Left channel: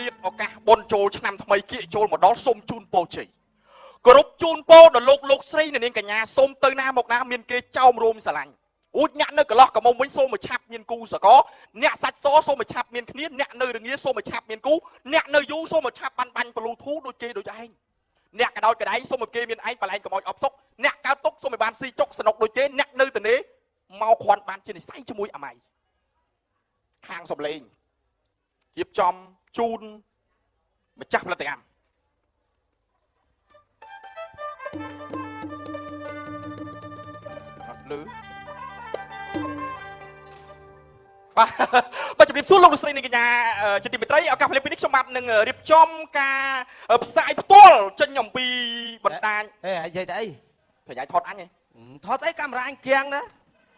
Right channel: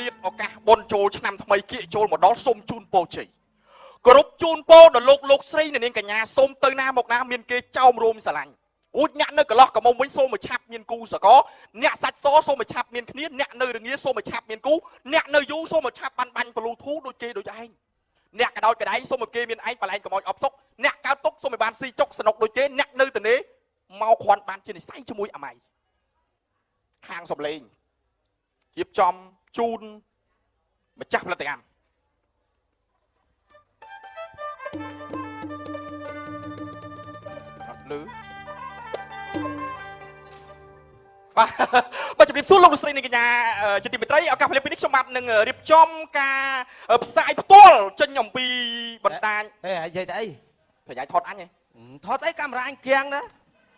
លៀបឱកាសបុណ្យចូលឆ្នាំថ្មីគៀកចូលមកដល់សូមជូនពរជ័យគ្រប់ជូនពរដល់លោកស្រីនាងកញ្ញាសូមទៅណាមកណាមានគេចោមរោមស្រឡាញ់អូចអ្នកនៅកន្លោះកមុំវិញសូមមកឆាប់មានគូសកលអ្នកសាច់សសូមមកឆាប់មានគ្នាអ្នកនៅរងាសូមមកឆាប់មានគូអ្នកនៅយូសូមមកឆាប់បាញ់បលូធូដូចគេដូចឯងអ្នកកដោចកដៃសូមមកគេមានឯងបលែងកុំឲ្យអប់សុកអ្នកកើតទុកសូមឲ្យបានស៊ីចុកសនុកដូចគេអ្នកនៅទៅនេះមកគ្រាន់បានជានិស័យជាមួយអាម៉ៃខាងសំលេងរៀបចំជូនម្ចាស់ផលិតកម្មអត់លឺបាទជំរាបសួរលោកលោកស្រីនាងកញ្ញាជាទីមេត្រីឱកាសពេលនេះខ្ញុំបាទនឹងរៀបចំការផ្សាយផ្ទាល់ចេញអំពីបណ្ដាញនិយាយទៅអីប្រយ័ត្នថតអញហ៎ថតអីកាមេរ៉ាអញគៀងណា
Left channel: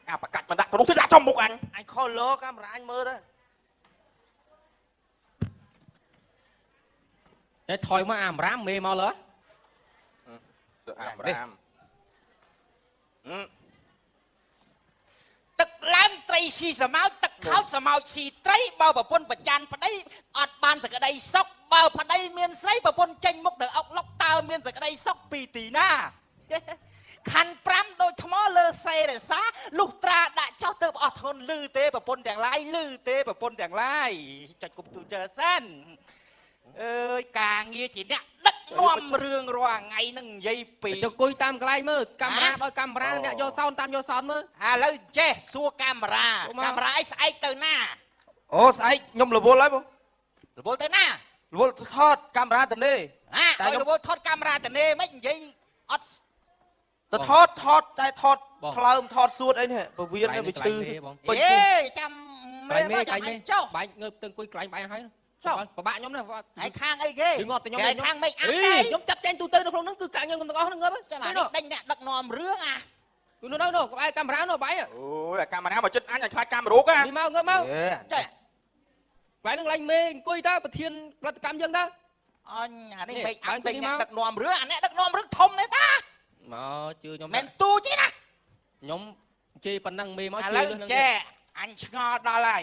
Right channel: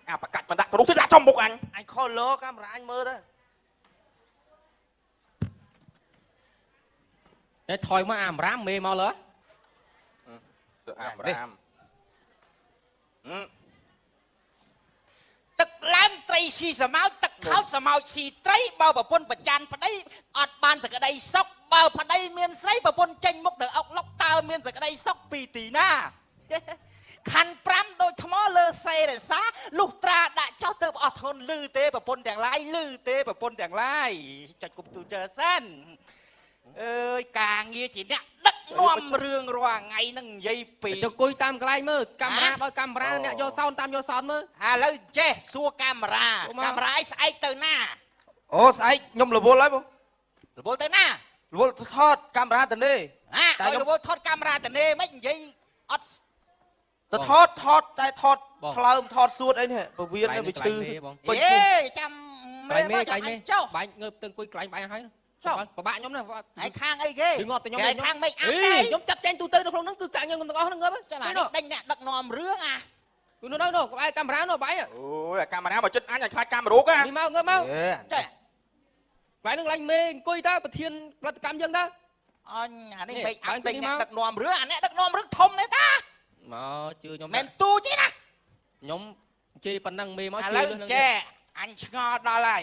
អាប្រកាច់បណ្ដាក់ក្នុងទៅដាក់ចំមុខអញខលលោកាមេរ៉ាអញមើលណាថយមកអាមរ៉ាមមេមកលើអាមរ៉ាមទឹកឡើងត្រីស៊ីសមោចទឹកខោចសមោចស៊ីត្រីបើប្រពន្ធបច្ចានប្តីអត់បានសក្តីសុខបើប្តីមានស្រីប្រពន្ធចេញមុខទៅអុកលឹកតើមានសក្តីសុខពីទីណាខណ្ឌ5ដូចថ្មលើសេរសានោះត្រាដាក់ចោលទៅអត់ធន់លឺទេប្រពន្ធទាំងឡាយលឺទេប្រពន្ធទាំងឡាយចាច់គប់ទូចសិនអើយការងារជាអ្នកដឹកនាំរឿងរាល់ថ្ងៃហ្នឹងនិយាយពីទៅគួយតាមកន្លែងមើលកាមេរ៉ាបើកាមេរ៉ានេះយកសោនតាមយកសោនមើលឥឡូវចេះសួរកាមេរ៉ាឲ្យស្អែកទៅណាអូស្អែកខ្ញុំរវល់ហើយបងរវល់ទៅណារវល់ថតកាមេរ៉ាទៅនេះតែរវល់ថតកាមេរ៉ាទៅនេះមិននិយាយអត់ទៅថតតែថតផ្លើមថតសួតអីនេះពវៀនវាឈឺអេចាំមើលមកចាំចោលបាញ់ងើបទៅអង្គុយកន្លែងបាយហើយប្របាក់ខ្ញុំហ្នឹងឯខាងអីគេគឺងាប់តែខ្ញុំឯខាងមិនអត់ខ្ញុំចាប់ចាញ់ទូទៅនៅក្នុងហ្នឹងគឺកាក់ខ្ញុំទាំងអស់ហ្នឹងងើបចាំដេញអ្នកដឹកនាំរឿងអាគឺនោះក្បែរកាមេរ៉ានោះបាយអូយកាមេរ៉ាមកជិតអញឲ្យខ្លាចកាមេរ៉ាកាមកងើបមកចាកន្លែងហ្នឹងឡើងមេអង្គុយទៅប្រធានផលិតកម្មយើងទៅអញអានេះមិនដឹងតែអ្នកដឹកនាំរឿងអាអ្នកដឹកនាំរឿងធំទេតាជឿខ្ញុំមិនទូទេណាខ្ញុំជេរប៉ុណ្ណឹងមេមកជឿនឹងចេះអញឆ្ងល់ដល់ហើយ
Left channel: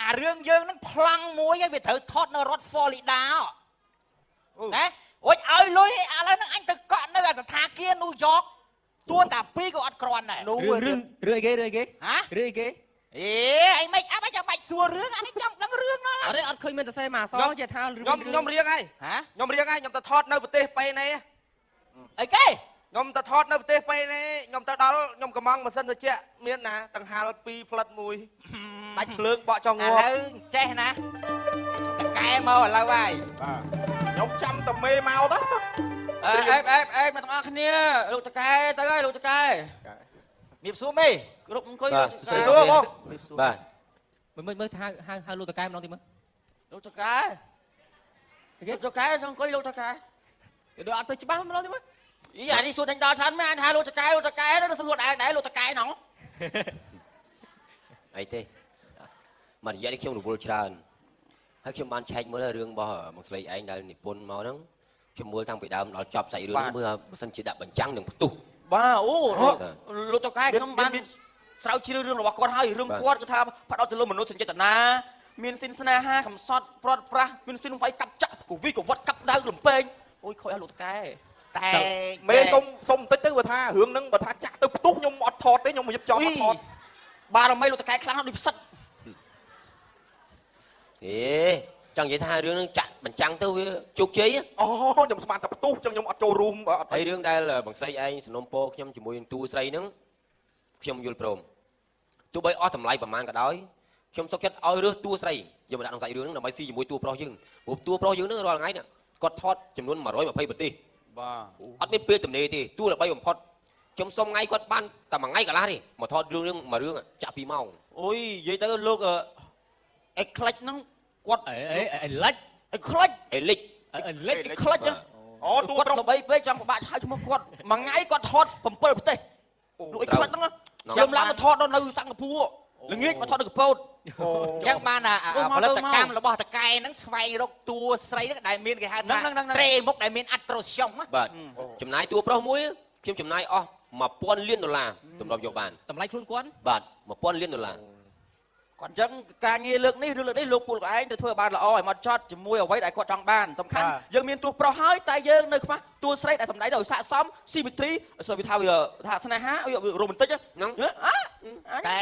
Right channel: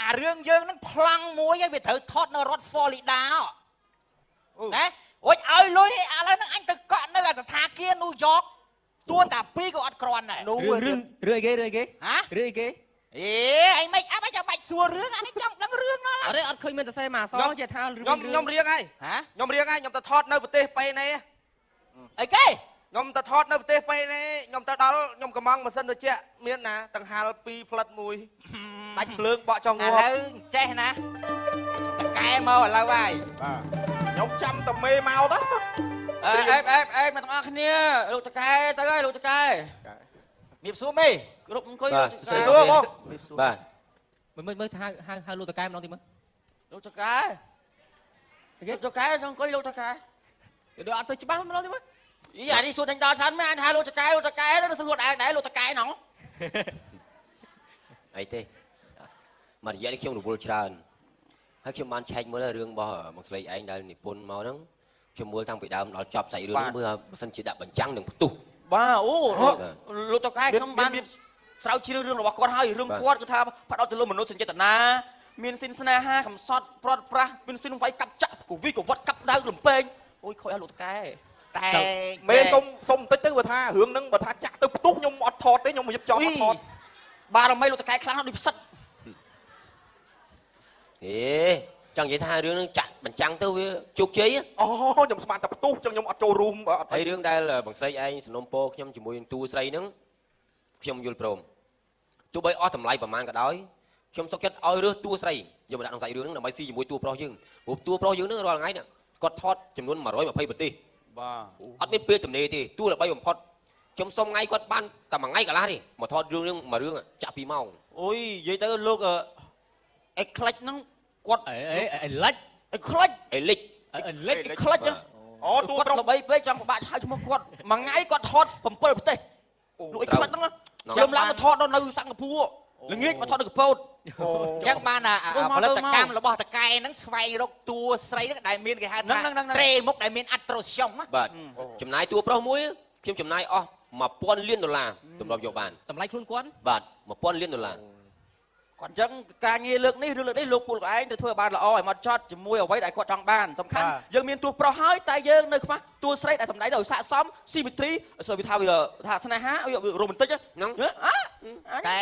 អារឿងយើងហ្នឹងប្លង់មួយឯងវាត្រូវថតនៅរថ Florida ណាអូយឲ្យលុយអានោះអញទៅកក់នៅស្ថាគារ New York ទួតា2ក៏អត់គ្រាន់ដែរនោះរឿងគេហ៎រឿងគេអេអីមិនអត់ចាំបាច់សួររឿងអានេះខ្ញុំដឹងរឿងមកអត់ឃើញមានតែសេមកសងជាថាខ្ញុំរៀងហើយខ្ញុំរៀងហើយខ្ញុំទៅថតនៅប្រទេសប៉េណេអីគេខ្ញុំទៅថតនៅប្រទេសប៉េណេខ្ញុំទៅដល់ខ្ញុំកំងម៉ាស៊ីនត្រជាក់មានណាដង្ហាល2ផ្លិត1ដាច់ភ្លើងបកចងងឥឡូវចេះណាតកែមកឥឡូវហើយខ្ញុំចាំតមេមកទៅអេបងប្អូនគ្នាលោកតកែទៅលោកតកែមានសួរមេគ្រប់អង្គុយលោកតកែសួរបងបាទមើលថាហៅលោកតកែម្ដងទៀតមើលលោកតកែសូមអង្គុយលោកតកែដូចអត់ទៅច្បាស់ម្ដងទៀតមើលអានេះសួរទាំងដល់ឆាន់មែនថាលោកតកែនោះសួរដែរលោកតកែហ្នឹងអីទេមករយៈនេះខ្ញុំរវល់ច្រើនហើយខ្ញុំបានឆែកមើលរឿងរបស់មកស្រីឯងដែលនិពន្ធមកហ្នឹងខ្ញុំមើលតាំងពីដើមដល់ចប់សាច់រឿងមើលបើសិនជាដាក់បញ្ចាំងនឹងផ្ទុះបាទអូលោកតកែខ្ញុំបានស្រាវជ្រាវរឿងរបស់គាត់ហើយរឿងគាត់គឺថាផ្ដោតទៅលើមនុស្សសញ្ចេតនាមានស៊ីនស្នេហាកំសត់ព្រាត់ប្រាសមានស៊ីនវាយកាប់ចាក់វិកវត្តកាប់ដៅលំពេងអូយខូចឲ្យលោកតកែតែមេសុំបន្តិចទៅបើថារឿងហ្នឹងបើថាចាក់ទៅផ្ទុះខ្ញុំអត់ថតទេខ្ញុំរៀបចំអត់ថតបាទរំលែកលោកតកែខ្លាំងដូចផ្សិតចង់និយាយថារឿងហ្នឹងចាក់បញ្ចាំងទៅវាជោគជ័យអូខ្ញុំស្មានតែផ្ទុះចឹងខ្ញុំអត់ចូលរួមហើយរឿងដែលបងស្រីឯងសំណុំពរខ្ញុំជាមួយនឹងតួស្រីហ្នឹងខ្ញុំយល់ព្រមទោះបីអស់តម្លៃប្រហែលក៏ដោយខ្ញុំសុខចិត្តឲ្យរើសតួស្រីយកមកដាក់ក្នុងសាច់រឿងហ្នឹងដើម្បីស៊ីជាមួយតួប្រុសយើងព្រោះតួប្រុសយើងហ្នឹងរាល់ថ្ងៃគាត់ថតចំនួន120ប្រទេសបាទអត់មានពេលទំនេរទេតួល្បីបំផុតខ្ញុំសុំថ្ងៃគាត់បានតែមួយថ្ងៃកន្លះនេះមកថតរឿងមួយរឿងចាក់2ម៉ោងអូយនិយាយទៅលោកអេក្លិចហ្នឹងគាត់លិចខ្លាច់លិចខ្លាច់អូតួគាត់ល្បីពេកចាំពិបាកឆ្លើយឈ្មោះគាត់មួយថ្ងៃគាត់ថត7ប្រទេសលោកអេក្លាច់ហ្នឹងខ្ញុំឡើងមកថតនៅសិង្ហបុរីល្ងាចមកថតនៅកពតអញ្ចឹងបានផលិតកម្មរបស់តកែហ្នឹងស្វែងរកតួស្រីហ្នឹងដែលមានគេហៅថាត្រេមុខដែលមានអត្រាស្យងបាទចំណាយតួប្រុសមួយខ្ញុំចំណាយអស់$1000 លានទម្រាំយកបានតម្លៃខ្លួនគាត់បាទ$1000 លានគ គាត់ចឹងការងារលើកនេះឬលើកនេះលោកពូលោកឯងទៅធ្វើបានល្អឲ្យមកចត់ជាមួយអ្វីដែលគាត់ចង់បានសំខាន់យើងមានតួប្រុសហើយតែយើងនៅខ្វះតួស្រីដែលសម្ដែងឲ្យស័ក្តិសមស៊ីមេទ្រីဆိုវាថាវាថាស្នេហាវារ៉ូមែនទិកហ្នឹងតែ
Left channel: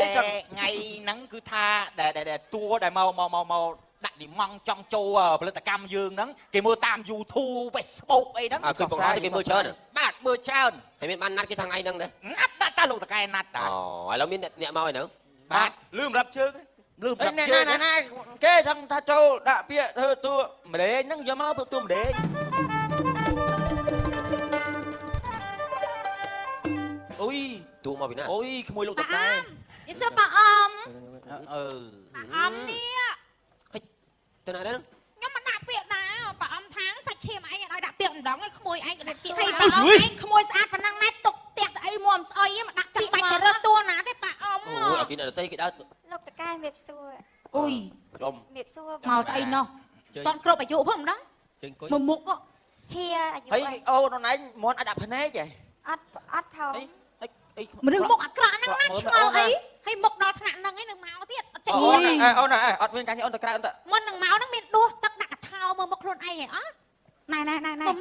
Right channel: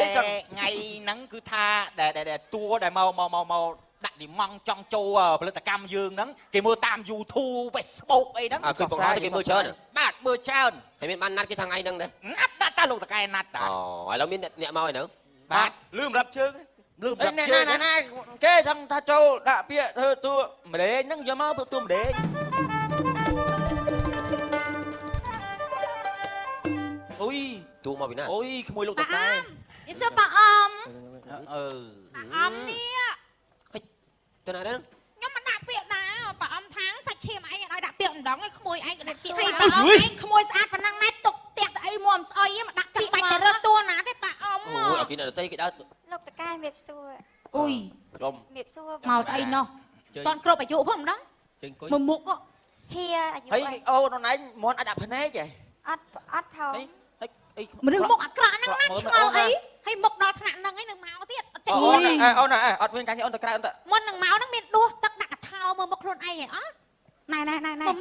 ថ្ងៃហ្នឹងគឺថាដែលតួដែលមកដាក់និមង់ចង់ចូលផលិតកម្មយើងហ្នឹងគេមើលតាម YouTube Facebook អីហ្នឹង គឺបងថាគេមើលច្រើន បាទមើលច្រើន តែមានបានណាត់គេថ្ងៃហ្នឹងណា ណាត់តែលោកតកែណាត់តា ឥឡូវមានអ្នកមកហើយហ្នឹង បាទ លឺម្រាប់ជើងលឺនេះគេថាចូលដាក់ពាក្យធ្វើតួម្ដេចហ្នឹងយកមកតួម្ដេចអូយ ទូមកពីណា អូយក្មួយលោកតកែ នេះសិនតាអម អមនេះ ទៅណានេះ ខ្ញុំមិនដាក់ពាក្យណាបើអមថាសាច់ឈាមឯងឲ្យដាក់ពាក្យម្ដងឯងក្មួយឯងក៏ដាក់ពាក្យថាបើអមឯងក្មួយស្អាតប៉ុណ្ណឹងណាទុកផ្ទះស្អីមួមស្អុយមកដាក់ពាក្យបាច់ទៅរត់តួណាទេប៉ាអម អូយគេនៅតែគេដើរ លោកតកែវាសួរ អុយ ក្រុម វាសួរ មកទៅអីនោះតន់គ្រប់អាយុផងម្ដងមកមុខ ហៀអាយុ ហើយអូនឯងមន់អត់ដាក់ភ្នែកហ៎ អត់ផង មនុស្សមុខអាក្រក់ហ្នឹងណាឆ្ងល់អីហើយមុខដល់ថ្នាក់ហ្នឹងឯងនឹងមកទៀតអត់ចេះ អូនអត់មានការអូនតក្រៅអត់ មុននឹងមកហ្នឹងមានដួសទឹកដាក់កថោមើលមុខខ្លួនឯងហ៎អត់ណែ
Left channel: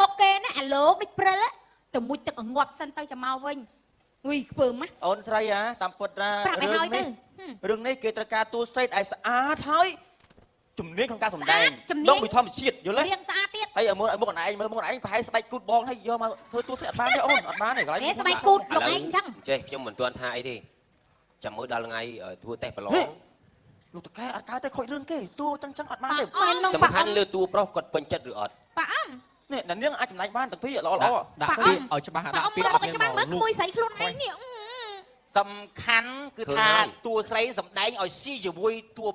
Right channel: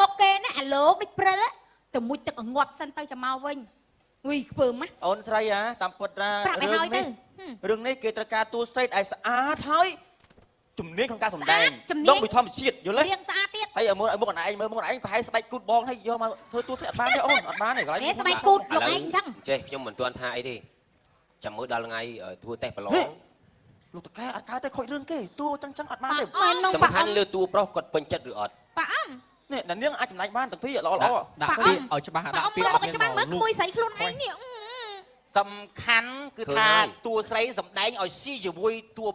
មុខគេណាអាលោកដូចព្រិលទៅមួយទឹកងាត់សិនទៅចាំមកវិញអុយខ្ពើម អូនស្រីតាមពិតណា ប្រាប់ឲ្យហើយទៅ រឿងនេះគឺត្រូវការតួស្រីឲ្យស្អាតហើយជំនាញក្នុងការសម្ដែងយកមួយធម្មជាតិយល់ទេ រៀងស្អាតទៀត ហើយមើលមុខអឯងមើលមុខអឯងប្រហែលស្បែកគូតបងហើយយកមកធ្វើតួស្រីអត់បានទេអូនអត់បានក្រោយ ស្បែកគូតលោកឯងចឹង ចេះខ្ញុំមិនទាន់ថាអីទេចាំមើលដល់ថ្ងៃធ្វើតេស្តប្រឡង លោកតកែអត់កៅតែខូចរឿងទេតួចឹងអត់បានទេ មែននឹង សំ ប៉ា ខាន់លើតួប្រុសគាត់ពេញចិត្តឬអត់ ប៉ាអម នេះដល់នាងអាចចម្លាញ់បានទាំងពីរល្អ ដាក់ពាក្យឲ្យច្បាស់ ប៉ា ដាក់ អម ពា មើ ក្យ លមកច្បាស់មើលក្មួយស្រីខ្លួនឯងនេះ សំខាន់គឺថាតួស្រីសំដែងឲ្យស៊ីជាមួយតួ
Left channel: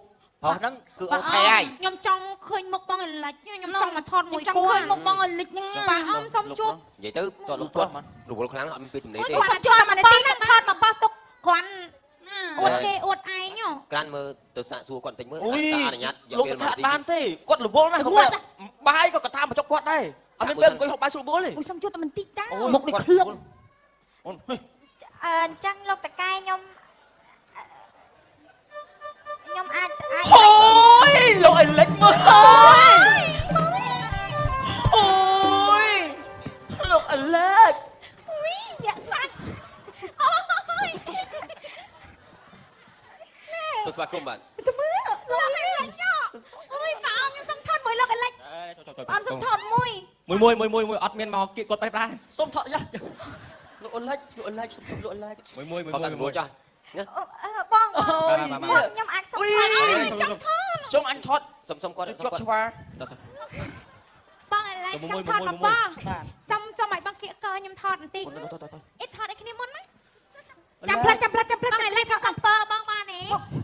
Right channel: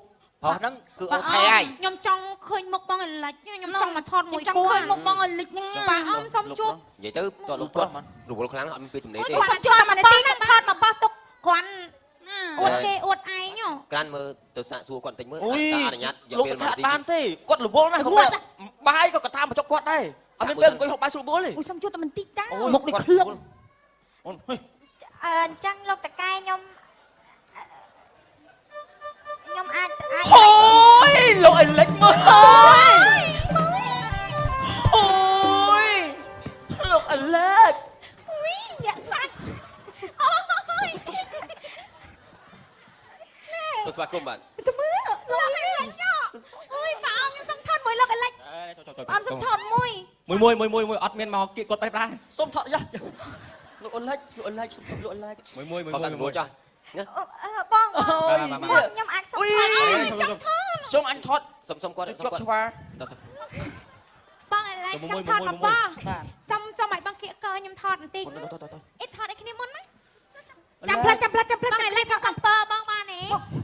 ហោះហ្នឹងគឺអូន ខ្ញុំចង់ឃើញមុខបងលិចខ្ញុំចង់មកថតមួយខ្ញុំឃើញមុខបងលិចហ្នឹងប៉ាអមសុំជួប និយាយទៅលោកគាត់រវល់ខ្លាំងអត់មានពេលទំនេរទេ សុំជួបមកទីហ្នឹងខាតមកប៉ះទុកគាត់អួតគេអួតឯង ក្រានមើលទៅសាកសួរគាត់បន្តិចមើល អុយ អនុញ្ញាត លោកថាបានទេគាត់រវល់ណាស់សម្រាប់បាយក៏កថាមកចុកគាត់ដែរអត់មានពេលអង្គុយហូបបាយស្រួលទេ អូសុំជួបតែមិនតិចតា មុខដូច អញ្ចឹងលោកតកែខ្ញុំអាច អូយលោកអេលិចមើលអូយលោកអេលិច យ៉ាក់សាច់ សូមស្វាគមន៍បាទ អូយប៉ាអមសុំថតមួយលោកលិចអមសុំថតមួយ មួយអត់មានមកគៀកគាត់បែបដែរសុំថតយ៉ាលោកអេលិចលោកអេលិចលោកអេលិច មួយ អត់បានមកចាស់ បង អូយ ខ្ញុំអាចសុំថតចង់ថត សុំអញថត សុំគាត់ គាត់ស្វា បងឲ្យខ្ញុំថតមកបងសុំឲ្យបងគៀកកខ្ញុំថតបន្តិចអីថតឲ្យគ្នាមុនណាចាំផ្លេចបងឲ្យលេចអពើបងបានទេ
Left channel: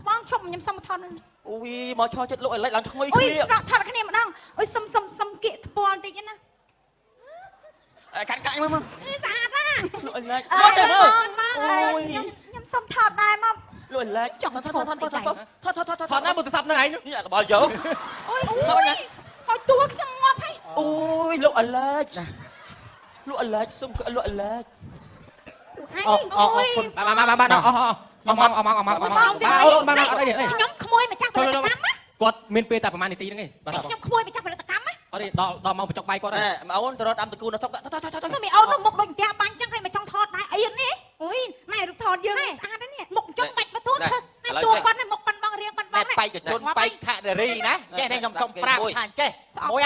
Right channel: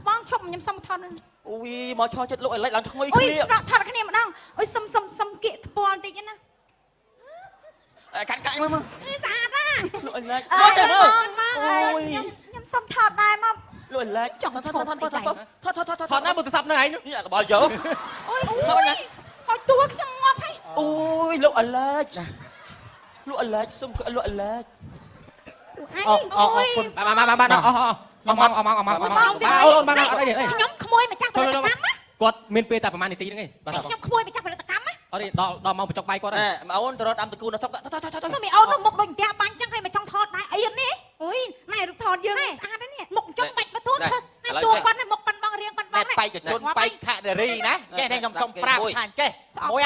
បងជុំខ្ញុំសុំថតនឹង អូយមកឈរចិត្តលោកអេលិចឡើងក្មួយ អូយ គ្នា ថតគ្នាម្ដងអូយសុំគៀកថ្ពាល់បន្តិចណា កាច់មើល ស្អាតណាស់ អេលិច អូយ អូយ ខ្ញុំសុំថតដែរមក លោកអេលិចថតណាមកទៅសាប់ណែឯងនេះអាកបល់យក អូយហើយទួយខ្ញុំមកហើយ អូយលោកអេលិចលោកអេលិចសុំលោកអេលិច អូយ បានខ្ញុំក្មួយមកចាស់ផលិតកម្មណា គាត់មានពេលតែប្រហែលនាទីហ្នឹងឯង ខ្ញុំក្មួយមកចាស់ផលិតកម្មណា អត់ទេដល់មកបញ្ចុកបាយគាត់ ម៉ៅអូនទៅរត់តាមទទួលដល់ថត មិនអូនមុខដូចផ្ទះបាញ់ចឹងហើយមកចង់ថតដែរអីនេះអើយម៉ែរូបថតយើងនេះស្អាតណាស់នេះមុខចឹងមិនទៅថតនេះតួគាត់មុខប៉ាន់បងរៀងប៉ាន់បង បែកទៅបែកខនារីណាចេះតែខ្ញុំសុំប្រាប់ថាចេះស្អុយ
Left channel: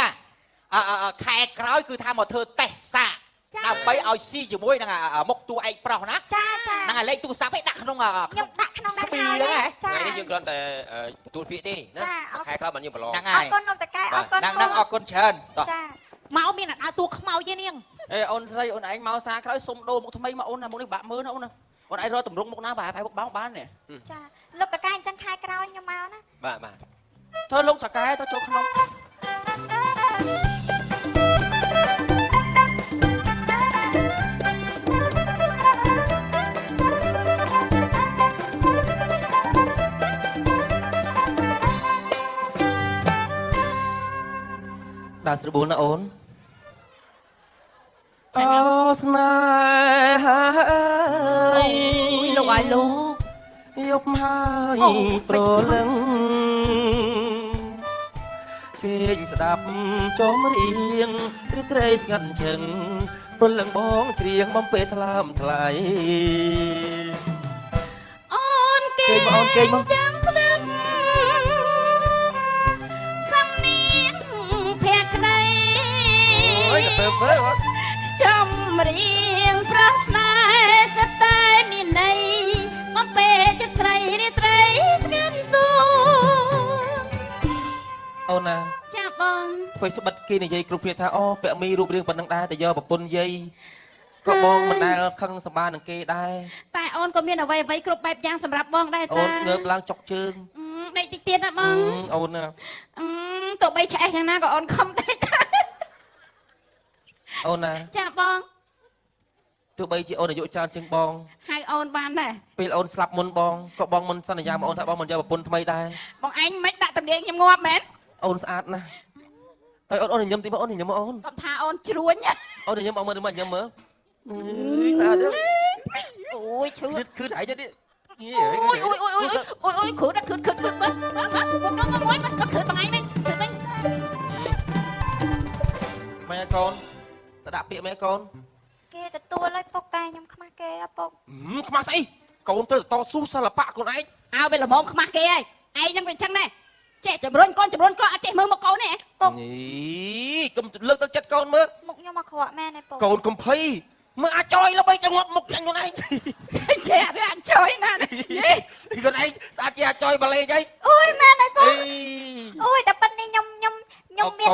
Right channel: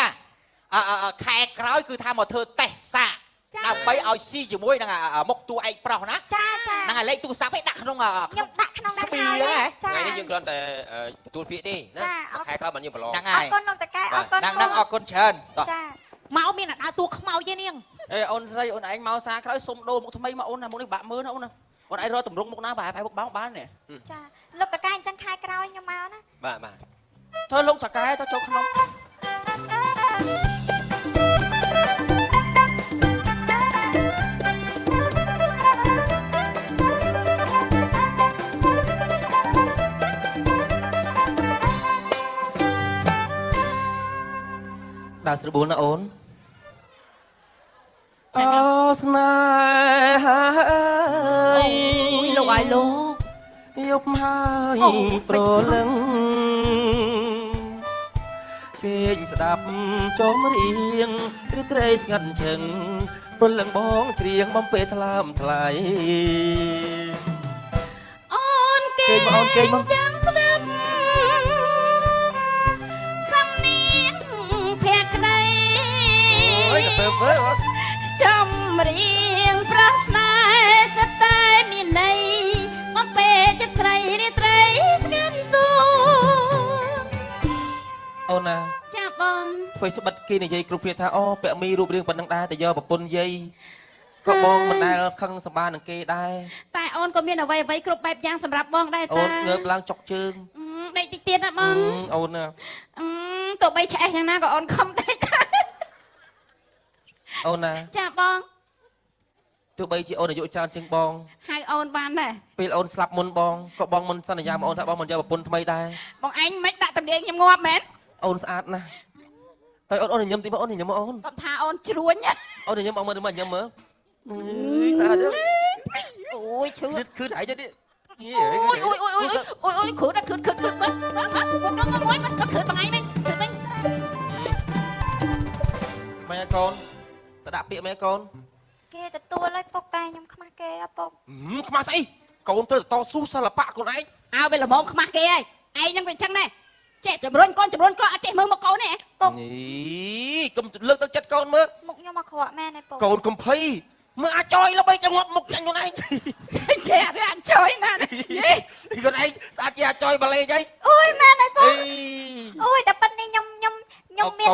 ខែក្រោយគឺថាមកធ្វើតេស្តសាកដើម្បីឲ្យស៊ីជាមួយនឹងមុខតួឯកប្រុសណា ចា ហ្នឹងលេខទូរស័ព្ទឯងដាក់ក្នុង ខ្ញុំដាក់ក្នុងដាក់ហើយចា ហើយយើងគ្រាន់តែទទួលពាក្យទេណាខែក្រោយបានយើងប្រឡង ហ្នឹង អ ហើយ រគុណលោកតកែអរគុណ ហ្នឹងអរគុណច្រើន ចា មកមានឲ្យតួខ្មោចទេនាង អេអូនស្រីអូនឯងមកសារក្រោយសុំដូរមុខថ្មីមកអូនណាមុខនេះបាក់មើលណាអូនណាអូនឯងរកតម្រង់មុខណាបែបមុខបាននេះ ចាលោកតកែអញ្ចឹងខែក្រោយខ្ញុំមកណា បាទ ធ្វើលោកសកែទៅចូលក្នុង ដាក់ស្រួលណាអូនអូស្នេហ៍អើយលោកឯងនោះយ ប់ហើយប្រលឹងគេស្ដាប់ចូលរៀងឬត្រីស្ងាត់ឈឹងប្រលឹងបងច្រៀងបំពេថ្លាមថ្លៃ អូនគេ គេបងគេ ចាំស្ដាប់សំនៀងភក្តី អើយទៅអើយ ចំរៀងប្រស្នាសតែនិន័យមកពេលចិត្តស្រីរាត្រីស្ងាត់សូម អូនណា ចាបង ធ្វើស្បិតគេនិយាយក្នុងគ្នាថាអូពាក់មីរូបរាងប៉ុណ្ណឹងដែរតែយកប្រពន្ធយាយក៏បងមិនដែលខឹងសម្បានឹងគេដែរ តែអូនក៏មានអ្វីអ្វីគ្រប់បែបយ៉ាងសម្រាប់បងដែរ អូ តា នងើបឡើងចុកជើង ដេកតិចទៀតណាបង អូនណា ទោះបីឆ្អេះយ៉ាងណាក៏អូនខំដេកដែរ អូនណា ចាបង ទោះបីជាអូនអាយុច្រើនជាងបង ហើយអូនបានដែរ ពេលអូនស្លាប់មុនបងក៏បងមិនសន្យាមកអូនថាបងមិនយកប្រពន្ធថ្មីដែរ បងឯងមិនដាក់តំនាងខ្ញុំងាប់មែន អូនស្អាតណាស់ហើយអូនញញឹមទីមកអូនញញឹមមកអូន គាត់ថាអូនជ្រួញ អូនញញឹមមកមើលញញឹមមើលស្អាត អូយជ្រួញ គឺថៃទៀតនេះ អូយខឺដល់ខឺបងមួយដល់ខឺបងឯងនេះ ម៉ែកូនទៅដាក់ពាក្យម៉ែកូន គេទទួលហើយពុកតែខ្ញុំខ្មាស់គេពុក ខ្មាស់ស្អីកូនទៅតស៊ូសិល្បៈខ្លួនឯង អើវាល្មមខ្មាស់គេហើយឯងនឹងវាចឹងដែរចេះចម្រុញកូនចម្រុញកូនអត់ចេះមើលមកកូនទេពុក នេះកុំលើកទឹកចិត្តកូនមើល មុខខ្ញុំមកខ្វក់មែនទេពុក កូនកំភៃមើលអាចយល្បីទៅងាប់មុខចាញ់ខ្លួនឯង ចេះអត់អាចជួយមក ខ្លួនឯងស្អាតជាអាចយបលេងអី អូយមែនទេពុកអូយតែប៉ុណ្្នេះខ្ញុំមាន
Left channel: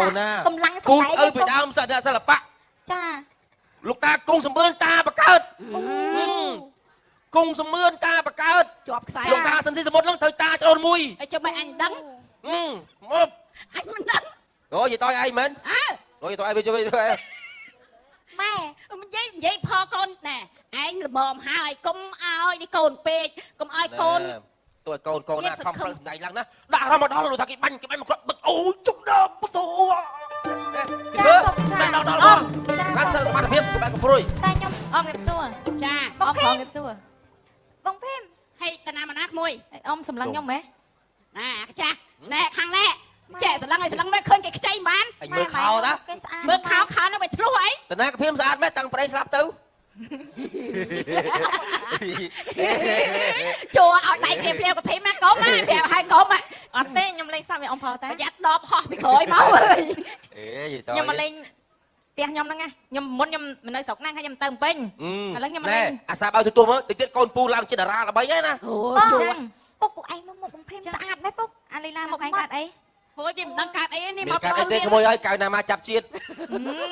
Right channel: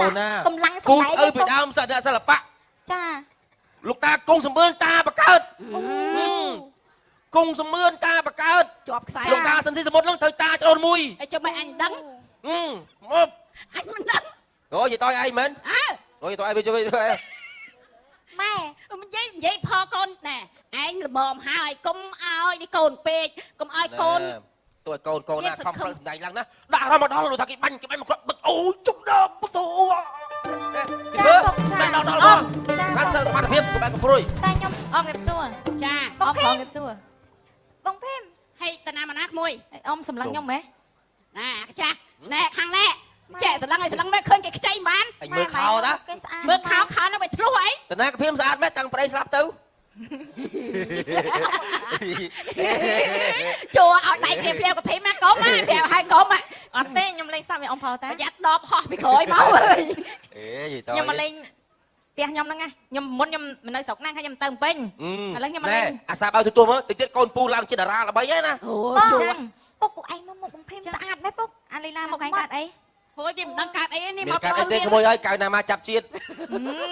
កម្លាំងសម្ដែង អីពីដើមសិស្សសិល្បៈ ចា លោកតាគង់សំអឿនតាបកើតគង់សំអឿនតាបកើត ជាប់ខ្សែ លោកតាសិនសិសមុទ្រនឹងត្រូវតាក្រូនមួយ ហើយចុះបើអញដឹង មើលអូយតើអីមែនអូយតើអីវាជួយ ម៉ែមិននិយាយផកូនណាអញល្មមហើយកុំឲ្យនេះកូនពេកកុំឲ្យកូន ទួយកូនណាខំប្រឹងសម្ដែងឡើងណាដាក់រមដល់លោកតាគេបាញ់គាត់អូជុំដល់បតូចាសិល្បៈភាពបែបកំព្រួយ តែខ្ញុំអមnghiệpសួរចាអមnghiệpសួរបងពេនហើយតាណាមណាក្មួយអមសម្លឹងខ្ញុំហ៎ណាចាណែខាងឡែចាសម្លឹងឲ្យសម្លឹងមិនឃើញគេខ្ចីបាន មើលខោណា គេស្អាតមើលខាងខោនោះវាធ្លុះអី តើណាភាពស្អាតណាស់តាំងប្តីស្លាប់ទៅ ចូលឲ្យដៃព្រាវព្រាវកភីម៉ាកុំណាព្រាវហើយកុំអត់ទេខ្ញុំលេងសើចឲ្យអង្គផលតែប្រយ័ត្នដកហោះពីក្រោយមក អេយតើ ខ្ញុំមកលេងផ្ទះខ្ញុំហ្នឹងខ្ញុំមុនខ្ញុំមិននៅស្រុកហ្នឹងហើយខ្ញុំទៅពេញឥឡូវខ្ញុំមក ណែ លេង អាសាឲ្យទទួលមើលតិចទៀតកូនពូឡើងជាតារាល្បីហើយណា អូជួយពុកពួកឯងមុនមកបំពេញស្អាតណាស់ពុកអាលីណាមកឯងកាត់អីអូយគេមិនដឹងកាត់អីនេះមក កាត់អីទេក្មួយឲ្យកៅណាមកចាប់ជាតិ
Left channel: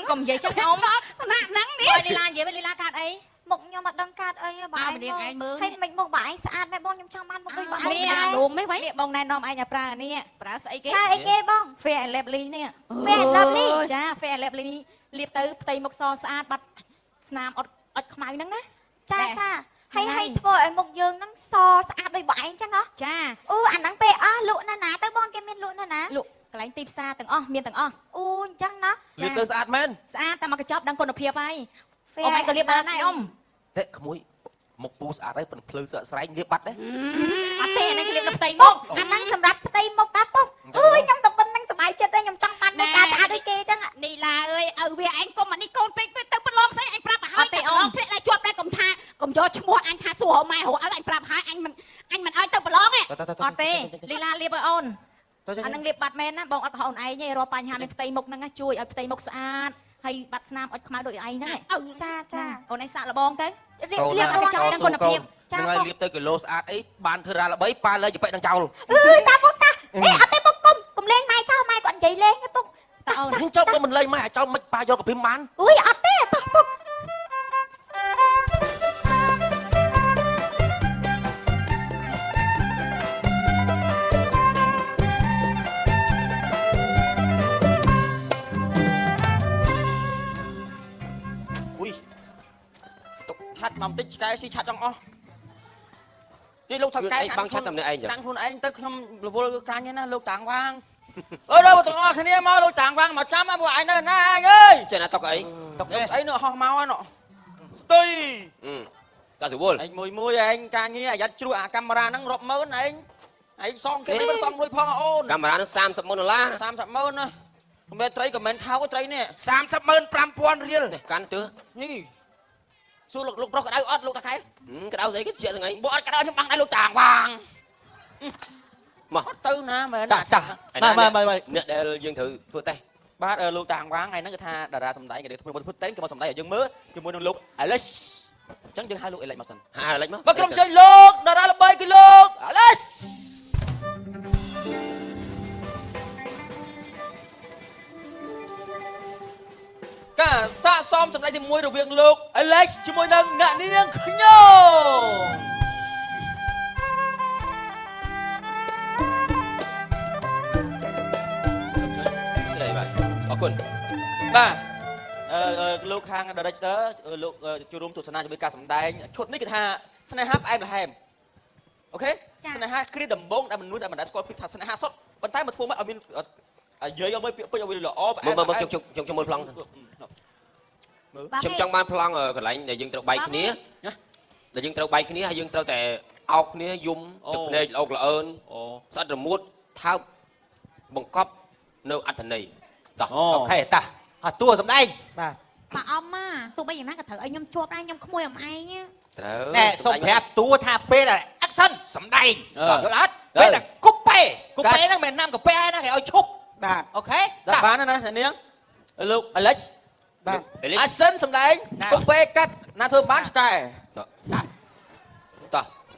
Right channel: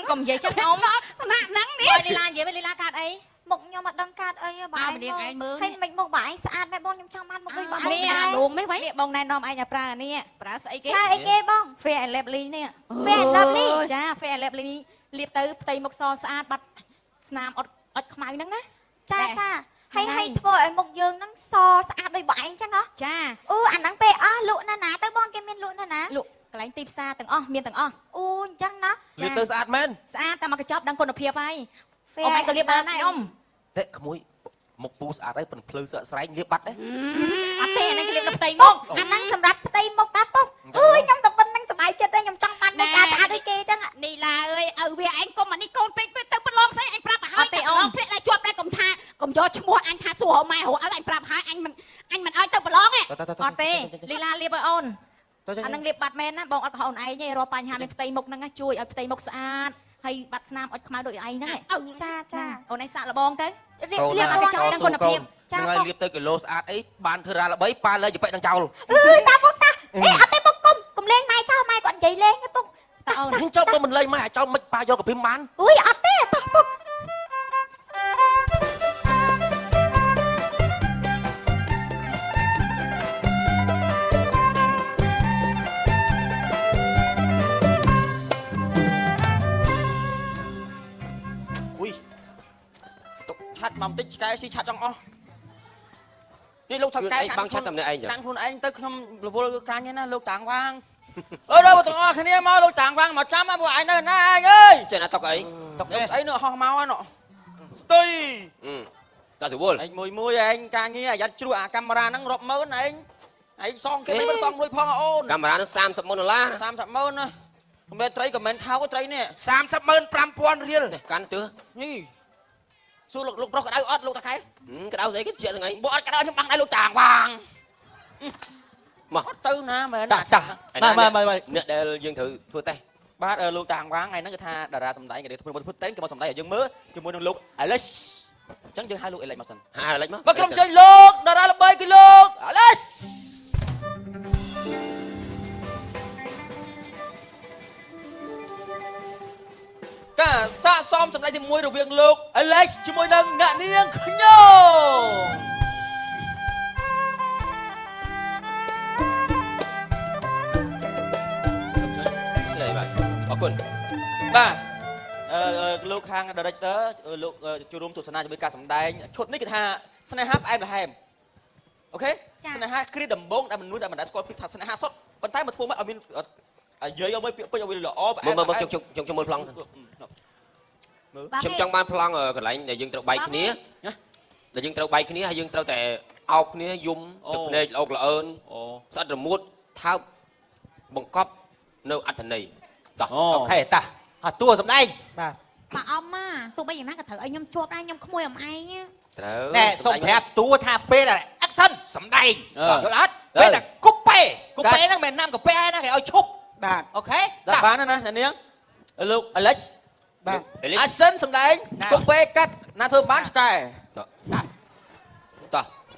កុំនិយាយចេះអោណាហ្នឹងនេះលីណានិយាយលីណាកាត់អីមុខខ្ញុំអត់ដឹងកាត់អីបងឯងមើលហើយមិនមុខបងឯងស្អាតណាស់បងខ្ញុំចង់បានមុខដូចបងនេះអាលួងនេះវិញបងណែនាំឯងឲ្យប្រើនេះប្រើស្អីគេប្រើអីគេបង Fair Lovely នេះ Fair Lovely ចា Fair Lovely លាបទៅផ្ទៃមុខសស្អាតបាត់ស្នាមអត់ខ្មៅហ្នឹងណាចាហើយធ្វើឲ្យមុខយើងហ្នឹងសស្អាតដូចបងឯងចឹងហ៎ចាអូអាហ្នឹងពេលលក់ណាទៅបងគេមានលក់ណាលក់កន្លែងទីផ្សារទាំងអស់មានទាំងអស់អូអញ្ចឹងណា និយាយទៅស្អាតមែន ស្អាតតែមកកញ្ចប់ដឹងគុណភាពហើយ Fair ទៅលាបបានខ្ញុំ តែក្មួយមកពូស្អាតហើយប៉ុន្តែភ្លើងស្រែកលាបបាត់ទេ អត់ទេនេះគេលាបទៅផ្ទៃមុខអាហ្នឹងសម្រាប់ផ្ទៃមុខតាពុកអើយខ្ញុំទៅប៉ុណ្្នឹងសប្បាយចិត្តហើយខ្ញុំចង់បានដូចការស្អាតដូចគេចឹងនេះឡាអើយឲ្យវាឯងកុំអានេះកូនពេកទៅប្រឡងស្អីឯងប្រាប់ទៅហើយតែអូនពេកឲ្យជាប់តែកុំថាកុំយកឈ្មោះអញថាសួរហៅម៉ែហៅអត់ឯងប្រាប់ហើយអញមិនឲ្យទៅប្រឡងទេអត់ទេលីឡាលាបឲ្យអូនអាហ្នឹងលាបបាត់មែនណាបងអត់ថាអូនឯងទេរកបញ្ហាមានផ្ទៃមុខហ្នឹងជួយឲ្យផ្ទៃមុខស្អាតហើយបាត់ស្នាមអត់ខ្មៅដូចឯងដែរចាអូនឯងសាក់លបងទៅលាបឲ្យចាំដល់គុណភាពចា ហើយលាបទៅគីឡូស្អាតអីបានធ្វើរ៉ាល្បីប៉ាលើចបិដល់ចោល តាពុកតាអត់ទេពុកកុំលេងម៉ែចោលម៉ែគាត់និយាយលេងទេពុកតាអូន ខ្ញុំចង់មិនលេងមកអាចោលមិនប៉ាយកកាពីបាន អុយអត់ទេពុកពុក ឆាត់មកបន្តិចឆ្កែស៊ីឆាត់ចង់អស់នេះលោកថាកែ អីបងឆាត់តែម្នាក់ឯងចឹង តាំងខ្លួនឯងទៅខ្ញុំរវល់ខាងនេះណាលោកតាំងវាងអើដល់ទាំងអស់គ្នាមកលោកតាំងវាងមកចាំមកពួកឯងនៅណាអើយ ចុះណាតុកអី តុកអីនោះហោះមកហ្នឹងស្ទី តាសវល អញមួយអញការងារអាយ៉ាជ្រុះអាកាមេរ៉ាហ្នឹងរាប់ម៉ឺនអញសងគេមិនសងលុយផងអូន កាមេរ៉ានោះ$30,000 30,000ណាកុំមេត្រីក៏មិនថោកត្រីនេះ 30,500 រៀល កាន់ទើ នេះសួរលោកប្រុសក្តៅអត់លោកតាថៃ ក្តៅស្អីគេជាថ្ងៃ បើអត់ក្តៅខ្ញុំបាំងឲ្យលោកតាវាង មក ទៅណាមែន តា អ្នកដែលយើងត្រូវធ្វើតេស្ត បាទលោកតាវាងថ្ងៃហ្នឹងគឺថាតារាសម្ដែងគេធ្វើពុទ្ធតែងគេមកសម្ដែងឲ្យយើងមើលជាមួយនឹងលោក Alex អញ្ចឹងយើងហៅលោក Alex មកសិន ហើយលេចមក មកក្រុមជ័យលោកតារាល្បីគឺលោក Alex ការសាកសមសម្ដែងជាមួយរវាងលោក Alex ជាមួយនឹងអ្នកនាងខ្ញុំ ស្ដីបាទអរគុណ បាទលោកខាង director លោកចូលរួមទស្សនាជាមួយការសម្ដែងឈុតនេះគឺថាស្នេហាផ្អែមល្ហែមអូខេស្នេហាគ្រាដំបងដែលមនុស្សដែលមិនដែលស្គាល់ពីថាស្នេហាសុទ្ធប៉ុន្តែមកធ្វើមកឲ្យមាននិយាយឲ្យពេកឲ្យវាល្អ មកជុំមើលប្លង់ខ្ញុំចង់បានប្លង់កន្លែងដែលយើងត្រូវបែកគ្នាតែយើងត្រូវបែកគ្នាហើយយើងត្រូវតែអោបគ្នាយំទឹកភ្នែកអោកល្អើនស្អិតរមួតថើបបង្កប់នៅអត្ថន័យតោះអូខេតាអត់តួសម្ដែង បាទ បើអមមកទោះបីយ៉ាងណាក៏ត្រូវឲ្យខ្ញុំជាប់ដែរខ្ញុំក្មួយអំឯង ត្រូវ តែសុំប្រាប់តួថាពេលអត់សឹមសំដែងអត់តែកុំពេហ្នឹងមិនណាំកាពេណាគេឲ្យឈប់បាទអូខេ ដាក់បានណាអ្នកនាងលោក Alex បាទ អាសិនសម្ដែងទុកពេលកាត់ណាធ្វើបានឆ្កែ តោះ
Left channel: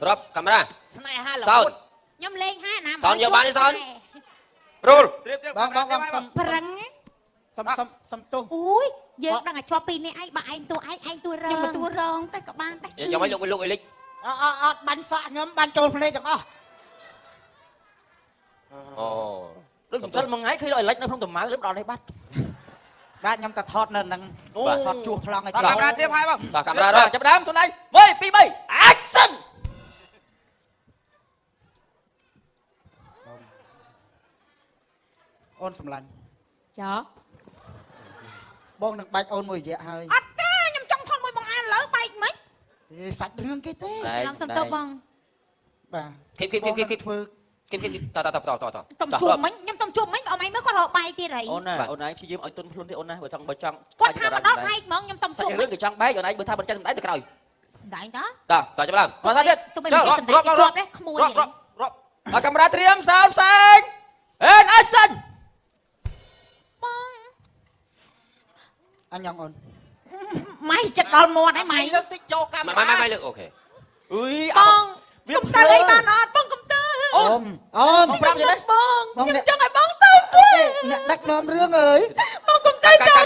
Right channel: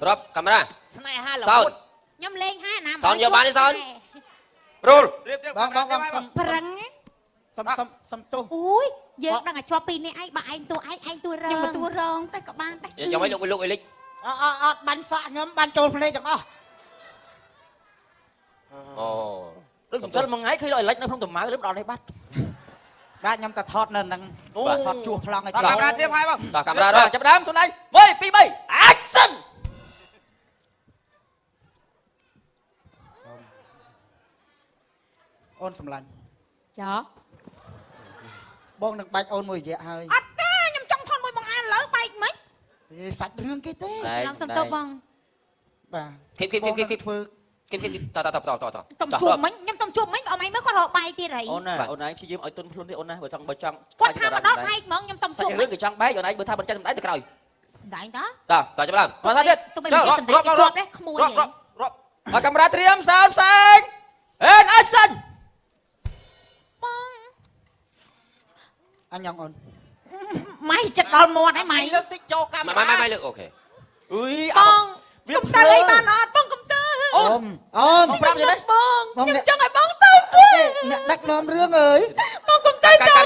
ប្រាប់កាមេរ៉ា ស្នេហា សោត ខ្ញុំលេងហាណា សនយកបានទេសន រុល បងសុំ ប្រឹង សុំទោស អូយយើងដឹងតែជាប់ពីនេះឯងបើឯងតួឯងតួរងតួរងតែក៏បានដែរ យកមកលោកអេលិច អត់បាញ់សក់ខ្ញុំបានចូលភ្នែកទាំងអស់ អូ ដូចចូលមួយថ្ងៃឃើញឲ្យ Alex នៅក្នុងតម្ៅលឹបដល់នេះបាត់ បាទខ្ញុំទៅថតនៅនឹងថតជួសប្លង់ឲ្យ កាមេរ៉ាត្រៀមហើយបង តោះកាមេរ៉ា ចាប់ដើមទៅឡើង1 2 3 action អូនសម្លាញ់ ចោ បងនឹងបាច់អូនមួយរយៈហើយ អត់ទេខ្ញុំចង់ថតមួយបងអានលើបែកមិន សាច់រឿងគេទេ ខ្ញុំសុំទោសបង បាទ គីធ្វើគីតោះ តំជួបមិញខ្ញុំតំជួបមិញអត់លីមកក៏រកបែកទៀតហី អូនណាអូនឯងព្យាយាមឲ្យទុនខ្លួននេះអូនណាបើចង់ គាត់ថាអត់បែកហ្មងខ្ញុំតំសុំ តែយើងក៏ចង់បែកអូនឯងបើថាមិនចឹងសម្ដែងទៅក្រោយ ដែរណា តោះ តោះចាប់ឡើង អត់ថាទៀត ទោះបីមិនសម្ដែងរត់ដែរក្មួយហី មកកាមេរ៉ាត្រៀម30ផ្សេងអេ action បង អញញ៉ាំអូន ម៉ៃចិត្តដល់មាត់ឯងម៉ៃ លើកតិចចូលកាមេរ៉ា បាយលើអូខេ អុយ វាតែលេងបានអត់ต้องកំតើ អូនអូន ប្រាប់ទេណា បងខ្ញុំចង់ឲ្យបងទៅទេ អ្នកដឹកនាំរឿងអើយ បងកំតើចោល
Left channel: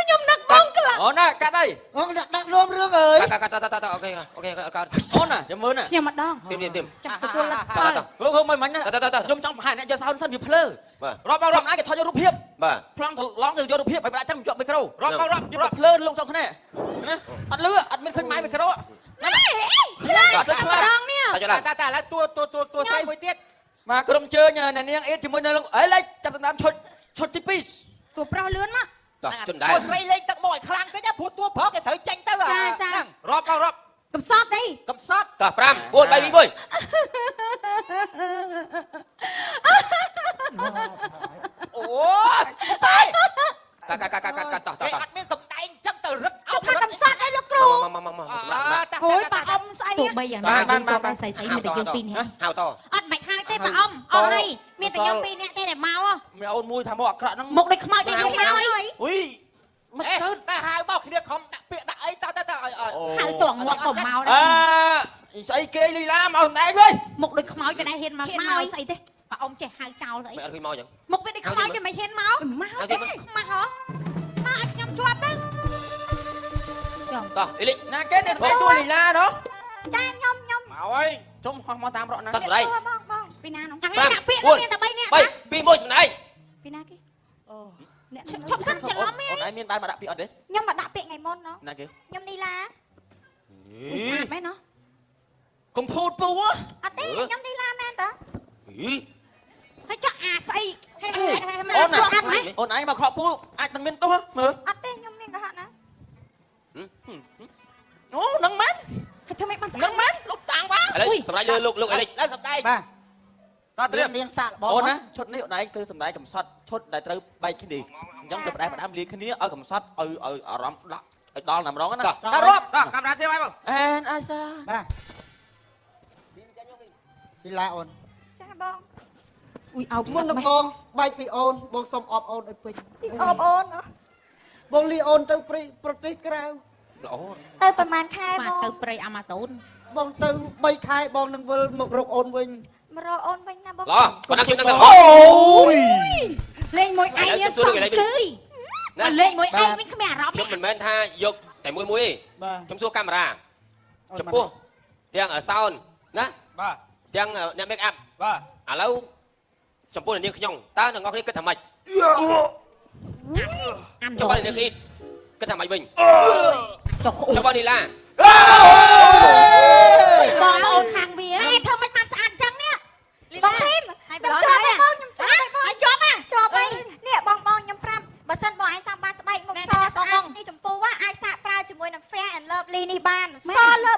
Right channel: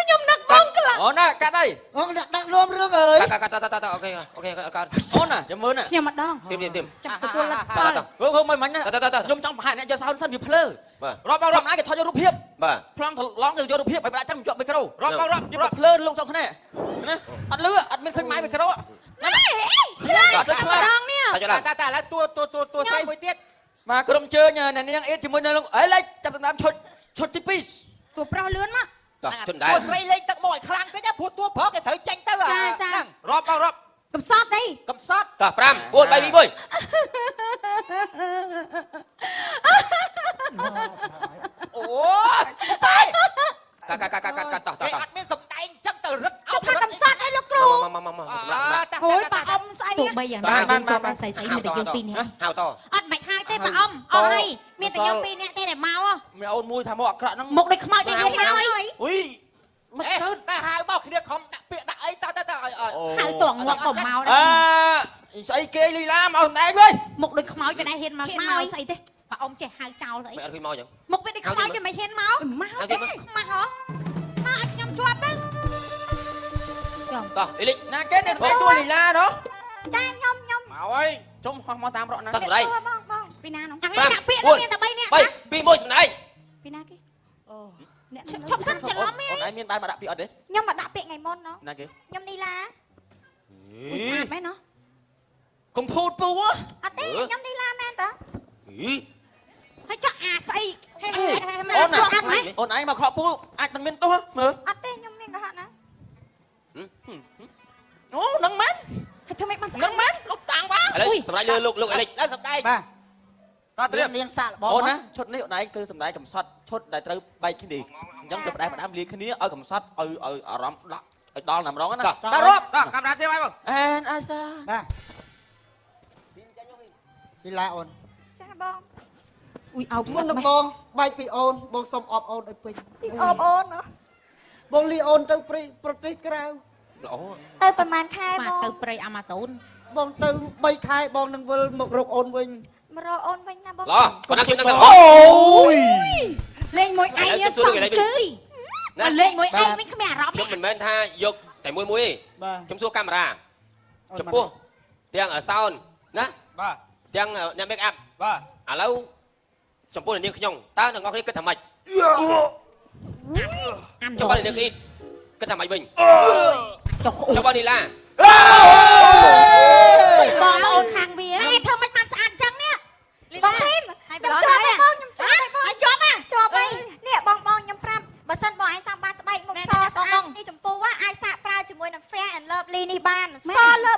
ខ្ញុំនឹកបងខ្លាំង អូនណាកាត់ហើយ អូនអ្នកដឹកនាំរឿងអើយ កាត់អូខេកាត់ អូនណាចាំមុនណា ខ្ញុំម្ដង ទៀម ចាំទទួលលទ្ធផល ហូបមិនណា តោះ ខ្ញុំចង់បង្ហាញអ្នកយកសោមសិនវាភ្លើ បាទ រាប់ចំណាយគេថតយករូបភាព បាទ ប្លង់ថតឡងទៅយករូបភាពមិនប្រាច់ចាំជាប់មីក្រូ រាប់ យកភ្លើលោកចង់ខ្នែនេះអត់លឺអត់មានឃើញម៉ៅមីក្រូ ឆ្លងនេះ តោះចាប់ឡើង តែឥឡូវតួស្រីមួយទៀត មកក្រុមជើញអ្នកនាងអ៊ីតជាមួយនឹងអេលេចចាប់ដំណើរឈុតទី2 តួប្រុសលឿនមក តោះជន់ដែរ ស្រីលេងទឹកមកឲ្យខ្លាំងពេកព្រោះតួប្រុសគេត្រូវចេញទៅ ចា រាប់ កំសត់អី កំសត់ តោះ5 4 3 2 1 អូយ កាត់ អ្នកអត់មានសំដែងចឹងទៅរឹក ថាកំសត់អីលោកគ្រូ មក អូយប៉ាអ៊ំស្អីទោះបីយ៉ាងណាយើងចាប់បានស្អីមួយតែយើងទីនេះ ហៅតោះ អត់មិនហើយទេប៉ាអ៊ំអូយមានតែខ្ញុំពីរនាក់ទេដែលមក មានអូនមួយថាមកអាក្រក់ហ្នឹង មុខដូចខ្មោចយ៉ាងនេះហើយ អុយមិន ធ្វើតែហៅមកគ្នាខំដាក់ពាក្យដាក់អីតទៅ ហើយតួងមកកុំមកដែរ ស្អីគេលីឡាមកណែវិញ មុខដូចខ្មោចក៏ដែរហ៊ានមកមកស្អីទេប៉ាអ៊ំចេះហៅចោលទៅអី មិនពីមកចឹង មុខវាដូចខ្មោចតែមិនហ៊ានមកមកទេខ្មាស់ហ៎ណាអត់ខ្ញុំជាប់ទៅ តោះអេលិច ណាគេទៅស្បែកតួលីឡាណា ចាខ្ញុំ ហើយជុំហោះមកតាមរកណា តោះសម្ដែង ពីណាហ្នឹងដាក់ពាក្យមានតែ3នាក់ណា 2 1សម្ដែង ពីណាគេខ្ញុំឈប់សិនច្រឡំ អូនឯងមានបានមកដាក់ពាក្យអត់ទេ ខ្ញុំមកដាក់ពាក្យថ្ងៃមុនណោះ ណាគេ ខ្ញុំនីឡា អី ស្អាតទេណោះ កុំភូតពូ អត់ទេខ្ញុំនីឡាមែនតា ហី ហើយចាក់អាស្អីហេ អូនឯងមកខកពូអាចមិនមានទោសមើល អត់ទេខ្ញុំមានទៅហាក់ណា អូនឹងមែន លោកអី ឡើងសម្ដែង បាទ មានសាកបង អូនណាឈុតនេះអូនឯងធ្វើសម្ដែងកំសត់ឈុតដែលត្រូវបែកគ្នាអញ្ចឹងទៅផ្ដែផ្ដាំលាគ្នាឲ្យកំសត់ឲ្យអារម្មណ៍ដាក់ឲ្យដល់តែម្ដងណា ទៅរាប់កាមេរ៉ាទេមក អេនអេសា បាទពីឡាអូន ចាបងអ៊ុយអោប មុននឹងបងបែកពីអូនបងសុំអបអូនឲ្យពេញ អបអូន បងលីអូនទៅប្រទេសក្រៅ អូ ទៅប្រហែលខែបង ទៅព្រៃអាម៉ាហ្សូន បងទៅ3ខែបងនឹងវិលមករកអូនវិញ មករកអូនវិញណាបង ឡោប៉ុណ្ណឹងទៀតហ្នឹងអូយ លេងមួយឯងយើងសក់គឺលេងមួយឯងវិញគ្មានអារម្មណ៍ ខ្ញុំមិនមែនថាយកតែមួយទេ បាទ ខ្ញុំសួរកាមេរ៉ាចំពោះទាំងសោនណា បាទ ទាំងអ្នក make up បាទ ឥឡូវចំពោះនាងខ្ញុំតើអ្នកនរគ្នាគិតថាម៉េចចំពោះនាងអ៊ីគិតថាម៉េចវិញចំពោះនីឡា បងអូនខាងវាធ្វើមិនបានស្អាតចឹងនេះបងហ៊ីនខ្ញុំជាប់ហើយបងខ្ញុំជាប់ហើយបងជាប់ហើយនេះបងខ្ញុំប្រាប់បើសិនបងឯងចង់បានស្បែកនោះសស្អាតទីចម្ពោះអាចសាកប្រើជាមួយនឹង Fair and Lovely នេះបានសលើ